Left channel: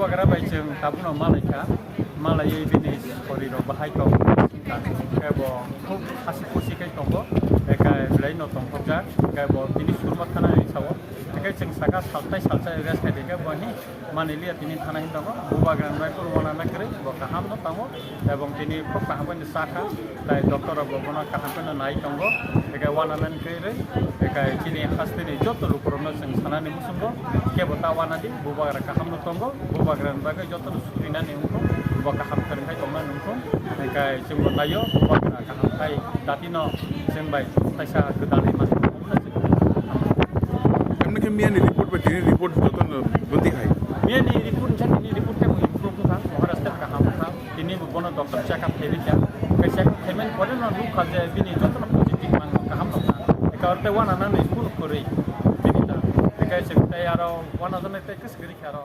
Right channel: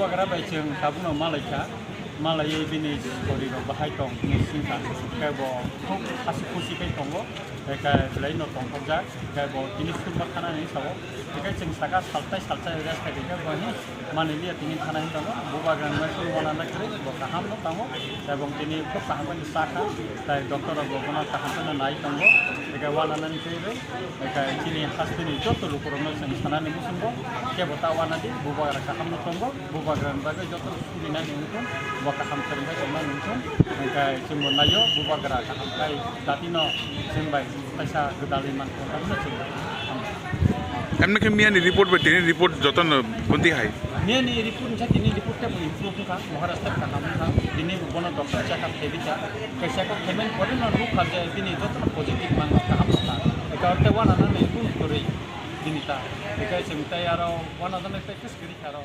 bubagra bai jeng tabungno malaika malai bini koriro bahai tong singka kebo khub hasi khusi kai tongo kai laino tongkobja kebo bini surba khana ni sabo kai jeng saka saltai ega kai ke bohi manilia tini thana hin tongo bubagra mai ko wana na kre bo kaham no tongo ebong tini khub kaham ni saka kai doktor abo bona kaham na nai tongo kai wana na ni kre kai tini hastini joto lukorono jeng sana ni musumbo kebo ta wana di bubagra kaham no tongo bubagra bagai joto sudina ni untung kaham keringa cuma nuntung kai cuma nayo bubagra kaham kai datino singbai taisa gedal mas emne ke mian report ba tini report joton bunti hai mian ni report chat ini report te mui improve ka maharashtra kaham ka tini bono doctor check up hebi cha kai check up hemen kore na ru khaje tini joton positive mang kaham ka ekarte wana na ni school kore tini ta kai check ta yaro wana na te kes gri karo